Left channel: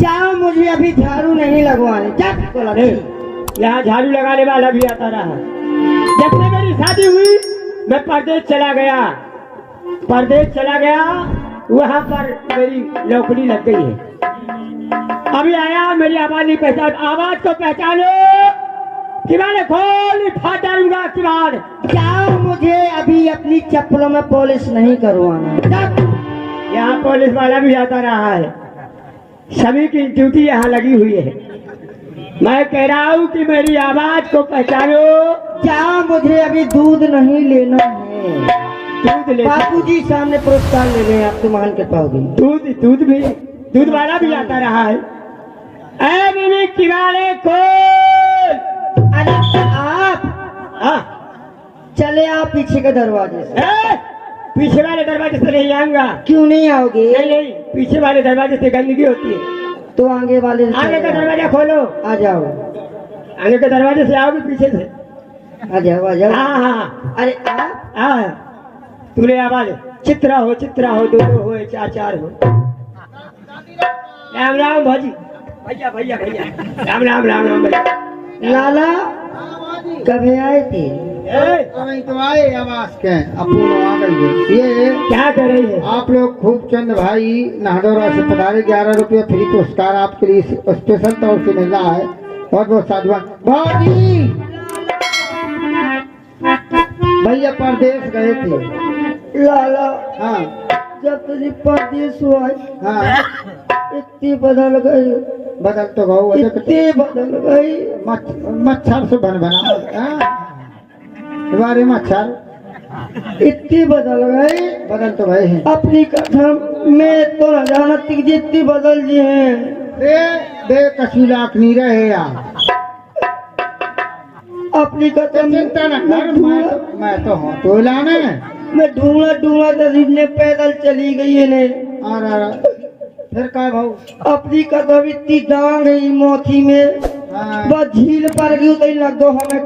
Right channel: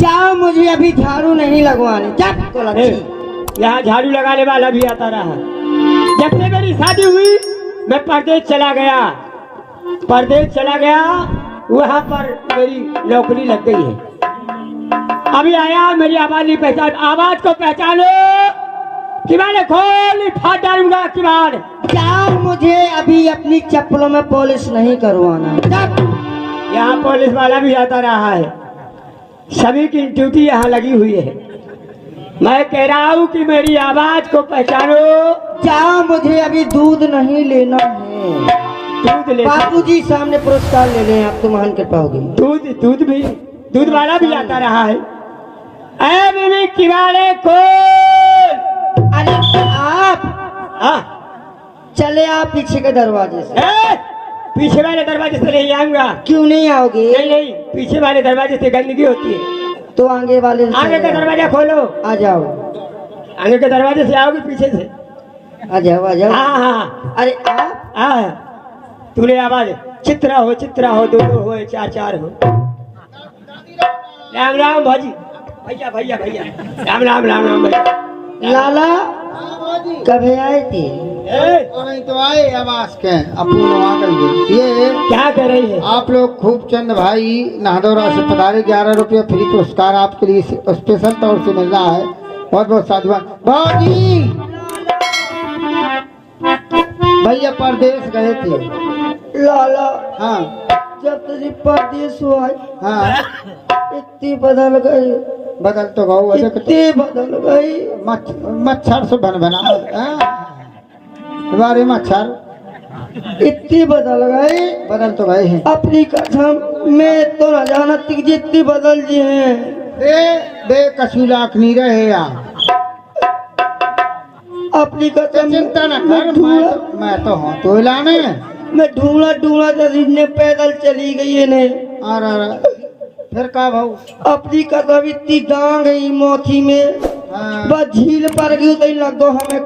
जाओ, मुझे अभी झाड़ू नहीं लगवानी। यहाँ झाड़ू लगाने वाला भी आता रहा। जब से मेरी शादी हुई मैं परदेश चला गया, वहाँ पर मेरी नौकरी लग गई है। अभी आया, मेरी आवाज नहीं पहचान, आवाज को पहचानो। किवाड़ खोल, फाड़ डालूंगा किवाड़। जाओ, मुझे अभी अपनी चप्पलों में पॉलिश नहीं करवाना। यहाँ पुलिस वाला भी आता रहा है, सभी की ड्यूटी यहाँ लगी हुई है। मैं कह रहा हूँ कि मेरी आवाज को पहचानो। जाओ, मुझे अभी दूध नहीं लेना है। दूध ले, बापूजी सामने पुरस्कार ले लें, आप तो महान कृपा होगी। दूध वाला भी आता रहा है। ऐ बीवी किवाड़े खोल। अरे आप चले आप पीछे के दरवाजे से। पीछे वाले दरवाजे से नहीं आऊंगा। क्यों नहीं आओगे? नहीं, पीछे वाले दरवाजे से गंदगी होती है। तो आगे वाले आगे का दरवाजा खोलो। आ जाओ। आगे के दरवाजे से आओगे, पीछे से आ जाओ। हाँ। अरे आप तूने आवाज चित्रा हो, दो हो, चार हो। राम भाजी, भैया राम भैया। लाला कब आए थे? तो आए आवास के अपूर्ण आ गई। ये क्या कर रही है? आप लोग खूब चंद भाई नाहदौरा से पधारे। 11 रुपये फ्री पुरस्कार आपके लिए स्पेशल तौर से मिला है। बहुत बहुत साधुवाद। भाजी भैया परदेश गए थे। लाला हाँ, जब तुझे परदेश हुआ हाँ, इतनी बदल गई। बदल तो गौ इतनी बदल गई। मच्छर से बना बारे मच्छर इतनी बदल गई। बदल तो गए हैं। अपनी कसम मैं तो न जानती कि जितनी बदल जी है। बे कसूलाक नहीं रहे यार। अपनी कसम चिंता न कर, मैं तो हूँ तो लाने। मैं ढूंढा ने पैदल चली गई है ने। अरे फिर का भाऊ? अपनी कसम इतनी डांग गई मोथी में। बस झील पर गई तो लगो हमें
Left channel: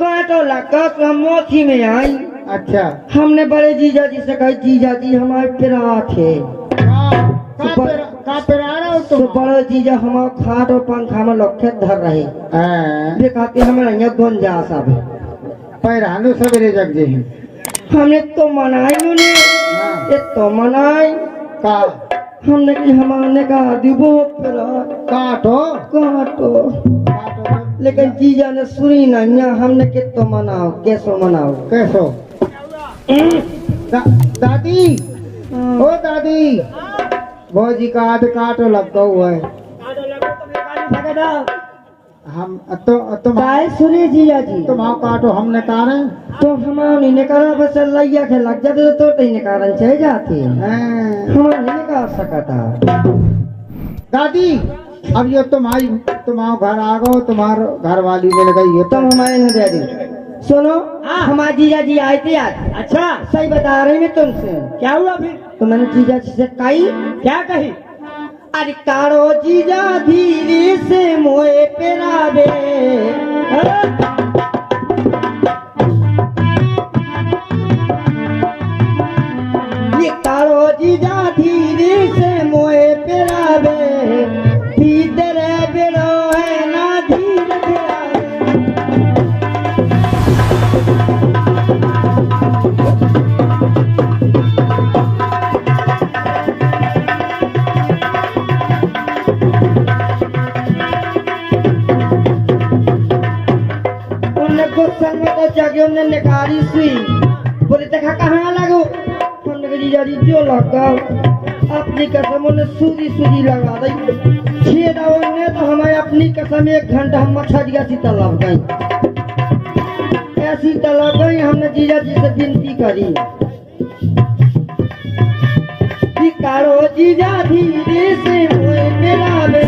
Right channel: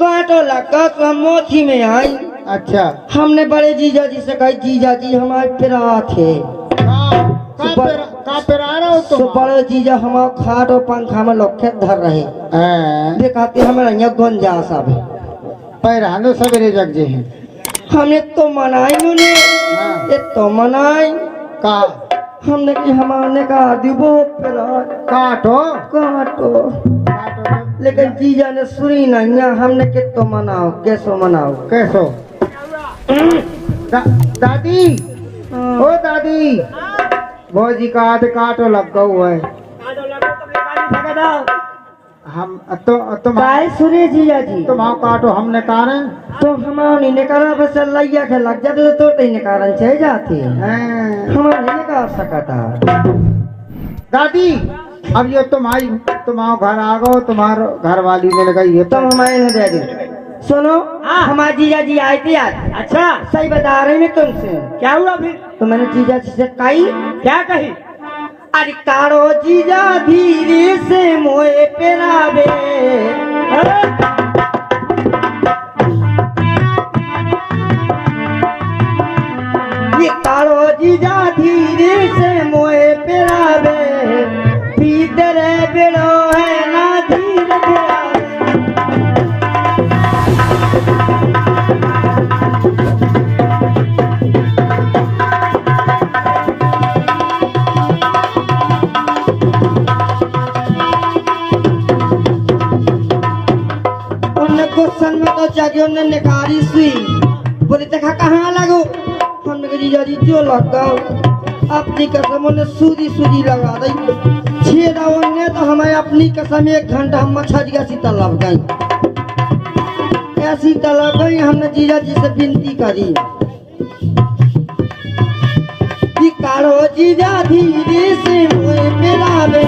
कांटो लगा तो हम मोथी में आई। अच्छा, हमने बड़े जीजा जी से कहा, जीजा जी हमारे पिरावा थे। तो बड़े जीजा हमारे खाट और पंखा में लोखे धर रहे। वे कहते हमें गुंजा सब पैरानो सवेरे जग जे हैं। हमने तो मनाई उन्हें, तो मनाई का हमने कि हमारे कहा दिबो काटो। लेकिन जीजा ने सुनी नहीं। हमने कि तो मनाओ, कैसो दादी। ओ दादी, भौजी का आध काटो लग हुआ है। हम तुम सुने जीजा जी, तुम काटो, हमने काटे तो हमारे ने कहा बस लैया के लग जाते तो नहीं कारण चाहिए जाती। हमारे नहीं काट सका था। दादी अब ये तुम घर आ गो, तुम्हारे घर वाली मिल गई है। तुम हमारे न दे दी। सुनो, हमारे जीजा जी आए थे आज। अच्छा, सही बता रहे हैं तुमसे। क्या हुआ फिर? तो मैंने जीजा जी से कही। क्या कही? अरे कारो जीजा धीरे से मोए पेरावे। ये कारो जीजा धीरे से मोए पेरावे। भीतर बेड़ो है ना धीर बेरावे। गुस्सन में तो जाके उन्होंने निकारी सुई बोले देखा कहाँ लगो। हमने कहा जीजा जी जो लगा अपनी कसम उन्हें सूदी लगा दी। छेड़ा उन्हें तो हमें अपनी कसम 1 घंटा हम मच्छर ऐसी तालाब गई। हमने जीजा जी से विनती करी कि कारो जीजा धीरे से मुझे मिलावे।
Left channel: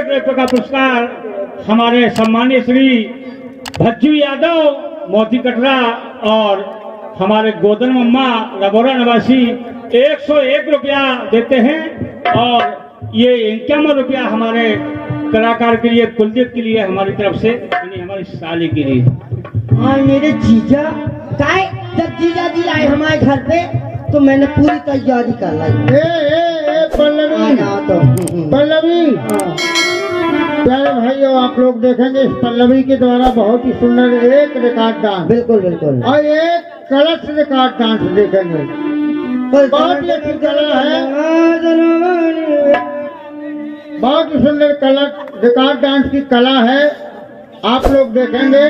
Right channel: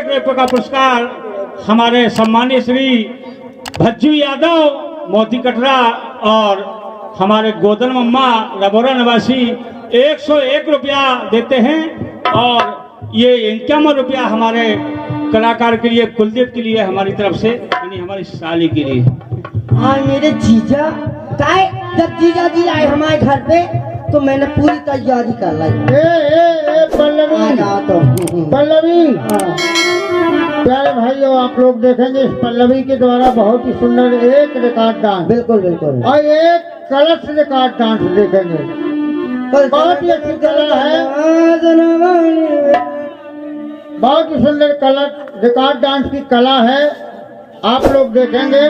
रुपये का पुरस्कार हमारे सम्मानित श्री भज्जू यादव मोती कटरा और हमारे गोदन मम्मा रबोरा निवासी 101 रुपया देते हैं। और ये 51 रुपया हमारे कलाकार के लिए, कुलदीप के लिए हमारी तरफ से, यानी हमारी साली के लिए। हाँ मेरे जीजा काय, जब जीजा जी आए हमारे घर पे तो मैंने पूरी तैयारी कर ली। पल्लवी, पल्लवी, प्यारे भाइयों, आप लोग देखेंगे इस पल्लवी के द्वारा बहुत ही सुंदर एक रिकॉर्ड डांस, बिल्कुल बिल्कुल, और एक कलश रिकॉर्ड डांस देखेंगे। बहुत ही अच्छी कला है, बहुत ही सुंदर कलर रिकॉर्ड डांस की कला है, आप लोग देखेंगे।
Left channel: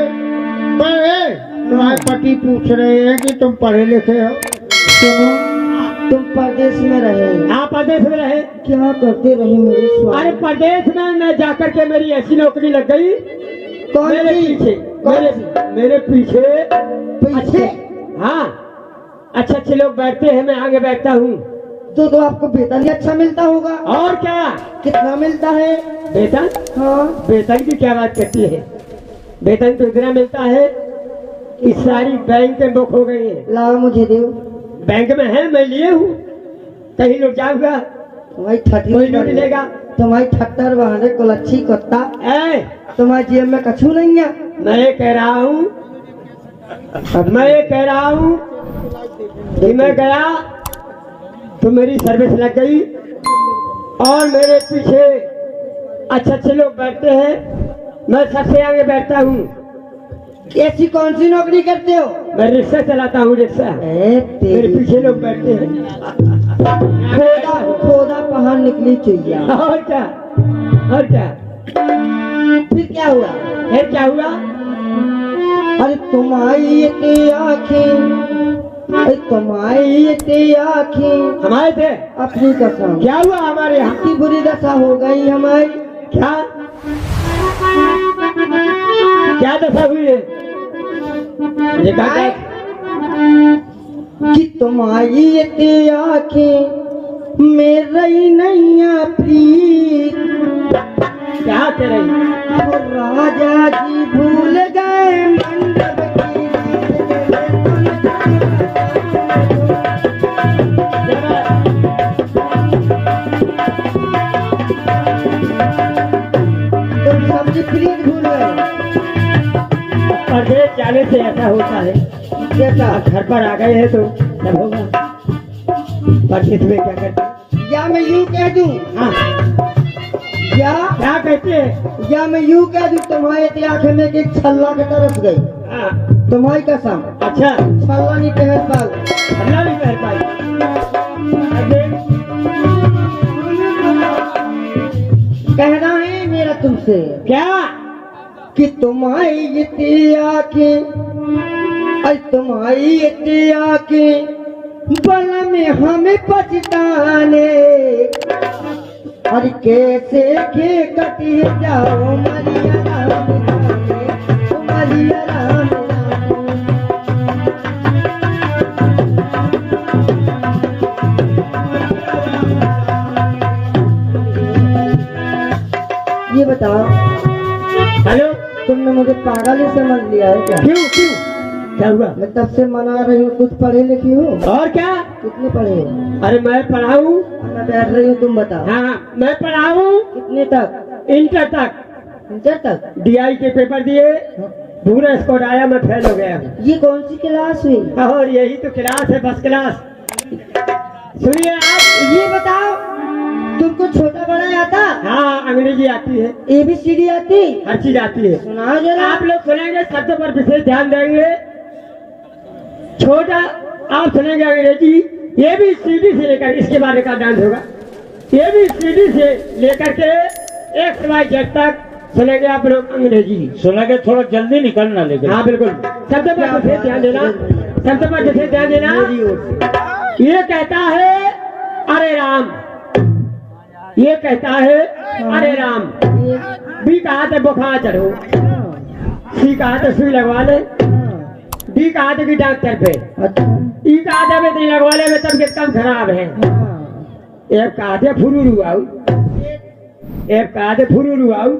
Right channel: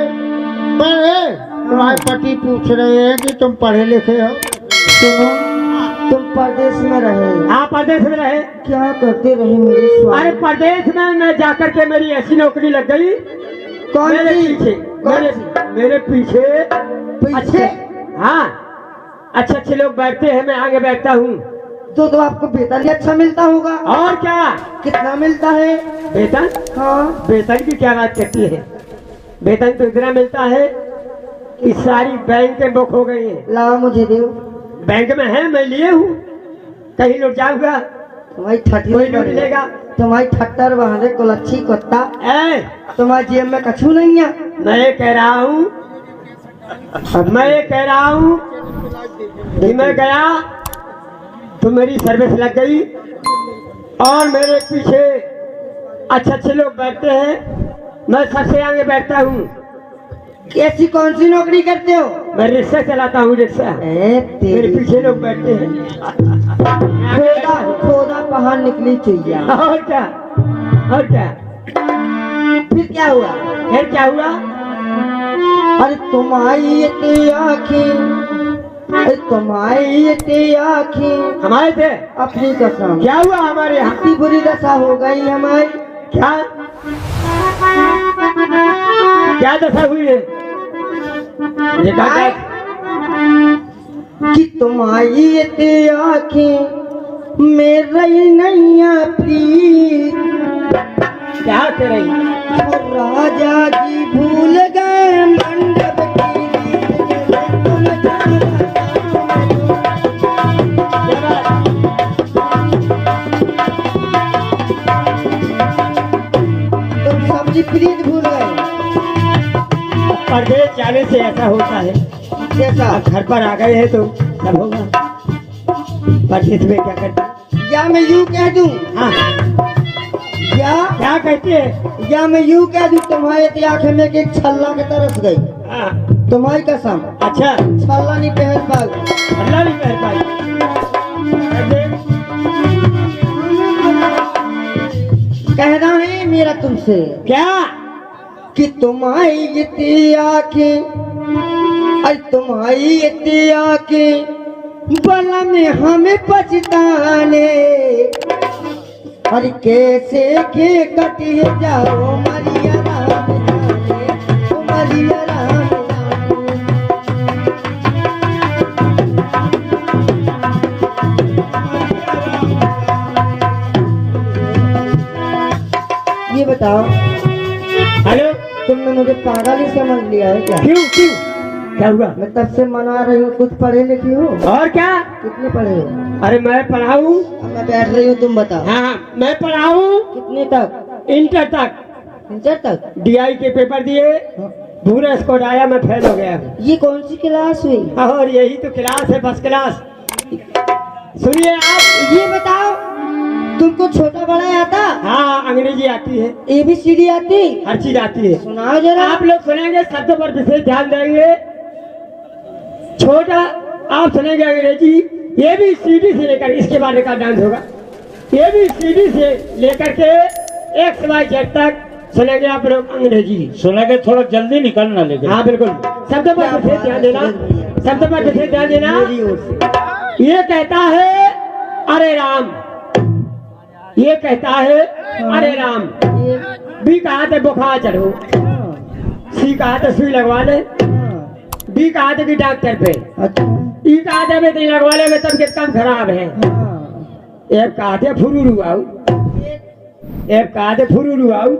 पर तुम्हारे पति पूछ रहे हैं कि तुम पढ़े लिखे हो? तुम परदेश में रहे? हाँ परदेश में रहे। क्या करते रहे मेरे स्वामी? अरे परदेश में मैं जाकर के मेरी ऐसी नौकरी लग गई, कौन मेरे सी? पीछे, मेरे पीछे अच्छे, हाँ अच्छे अच्छे लोग बैठते हैं, मैं आगे बैठता हूँ। तो आपको वेतन भी अच्छा मिलता होगा। और क्या? कितना मिलता है वेतन? हाँ, वेतन की क्या बात करती है, वेतन तो इतना मिलता है कि सारी बैंक में बुक हो गई है। लाओ मुझे दो। बैंक में है, मैं लिए हूँ, कहीं लुट जाऊंगा, तुम्हारी ठट्टी कोई लूट लेगा। तुम्हारी ठट्टर बहाने कुलच्छी कुत्ता, ए, तुम्हारी जेब में कछू नहीं है। मैं ये कह रहा हूँ, मैं ये कह रहा हूँ कि मैं गया तो मेरी सर्विस लग गई और मेरे पीछे अच्छे अच्छे लोग बैठते हैं, मैं सबसे आगे बैठता हूँ। ऐसी कौन सी नौकरी करते हो? मैं रिक्शा चलाता हूँ, रिक्शा। मेरे पीछे लोग बैठते हैं। खोदा खोदा पहाड़ निकली चाहिए। और क्या, और क्या? फिर क्या हुआ? फिर क्या हुआ? अरे तुम्हारी इतनी आँखें, अरे तुम्हारी इतनी आँखें, हमारे थे अपनी कसम। क्या हुआ हमारे यहाँ? इतनी बुरी दशा हो गई हमारी। क्या क्या दशा हुई है? ये कहा कि तुम्हारी इतनी आँखें मेरी नैया प्रीत, क्या कर रही? और राजा जी भूल गए मंडप की तुम सब्जी प्रीत भूल गए। परदेश जाने से ऐसा होता है, कैसा? घर पर आ गए हैं तो सब होगा। परदेश में क्या करते? या मैं यूं कह दूं, हाँ या क्या कहते हैं? या मैं यूं कह दूं, तुम्हारे आंखें में एक छल्ला के तरस गई। हाँ तुम्हारी कसम, अच्छा, छल्ला नहीं पहन पाई। अल्लाह भी पहन पाई। कहना है मेरा तुमसे क्या? कि तुम्हारी इतनी आँखें, अरे तुम्हारी इतनी आँखें बला में हमें पछताने, अरे कैसे के कटी जाओ मरिया राम जाने, ओ मरिया राम जाने। ये बताओ, हेलो, तुमने मुझे पागल ही समझ लिया है क्या? क्यों क्यों क्या हुआ? मैं तब से मना रही हूँ, कुछ पढ़े लिखी हो? और क्या? कितने पढ़े हो? अरे मैं पढ़ाऊँ? अब मैं बैठ रही हूँ, तुम बताओ। हाँ मैं पढ़ाऊँ, कितने तक? इंटर तक। इंटर तक? DI के पेपर दिए, पूरा स्कोर आया, मैं फेल हो गया। ये कौन सी क्लास हुई? और यही तो क्लास है, फर्स्ट क्लास। सुनिए आप, ये बताओ, तुमको छोटा बड़ा आता? हाँ अंग्रेजी आती है, ABCD आती? हर चीज आती है। सुनाओ जरा। आप लोग सुनेंगे, शब्द पर विशेष ध्यान देंगे। छोटा आप सुनेंगे अंग्रेजी, ABCD से लेकर, इसके बाद का डांस होगा। ABCD से लेकर के XYZ तक सुनेंगे आप लोग अंग्रेजी। सुना के थोड़ा जल्दी निकलना, लेकिन हाँ बिल्कुल, शब्द पर विशेष ध्यान देना, शब्द पर विशेष ध्यान देना। मेरी ओर से। ये कहता है अरे राम, ये कहता है अरे राम। B कहा था बुखार चढ़ो, C कहा था सुई लगवा ले, D कहा था कि डॉक्टर पे, अच्छा। E कहा था नहीं लगवा ले, तबियत कम खराब है, F कहा था फुरूरू आओ। एक कहा थे फुरू आऊ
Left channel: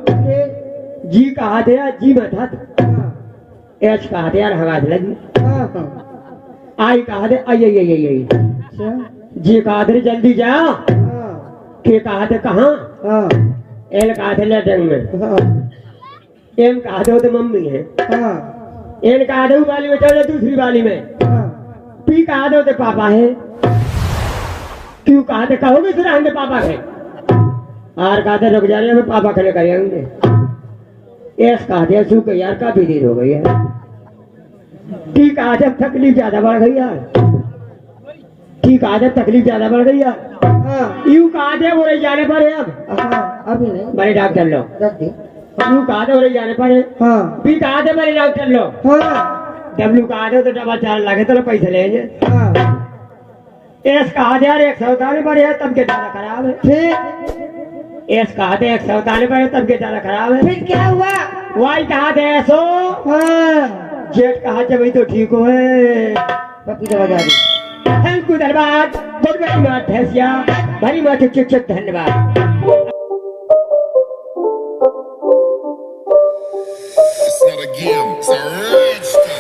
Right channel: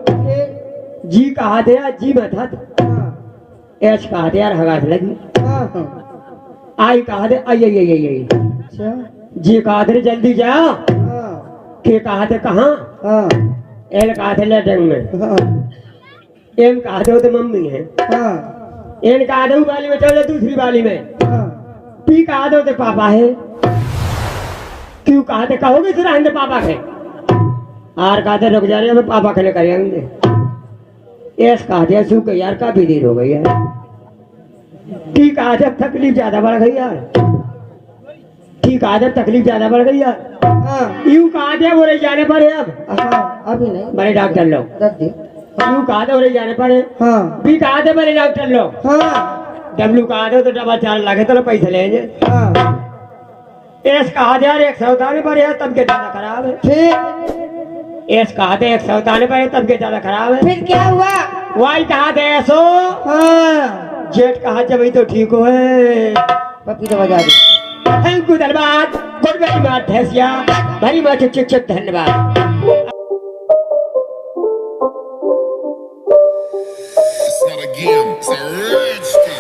जी कहा थे यार जी मत एच कहा थे यार हवा लगी आई कहा थे आई जी कहा थे जल्दी जा के कहा थे कहाँ एल कहा थे लटंग में एम कहा थे वो तो मम्मी है एन कहा थे वाली में चल दूसरी वाली में पी कहा थे वो तो पापा है क्यों कहा थे कहोगे फिर आएंगे पापा के आर कहा थे रुक जाने में पापा खले करेंगे एस कहा थे सू के यार काफी देर हो गई है ठीक कहा थे तकलीफ ज्यादा बढ़ गई यार ठीक कहा थे तकलीफ ज्यादा बढ़ गई यार यूं कहा थे वो रही जाने पर है अब अभी नहीं बड़े डॉक्टर लो रख दे यूं कहा थे वो रही जाने पर है हाँ पी कहा थे बड़े डॉक्टर लो हाँ डब्ल्यू कहा थे तो डबल चार्ज लगे तो पैसे लेंगे हाँ एस कहा थे यार 147 पर है तब के ज्यादा खराब है फिर एस कहा थे 147 पर है तब के ज्यादा खराब है फिर क्या हुआ वाई कहा थे ऐसो हाँ जेट कहा थे भाई तो ठीक हो है पपीता बजा दे थैंक यू धन्यवाद गुड वेरी मच भैंसिया वेरी मच चिक धन्यवाद It's not a game, it's a rich thing.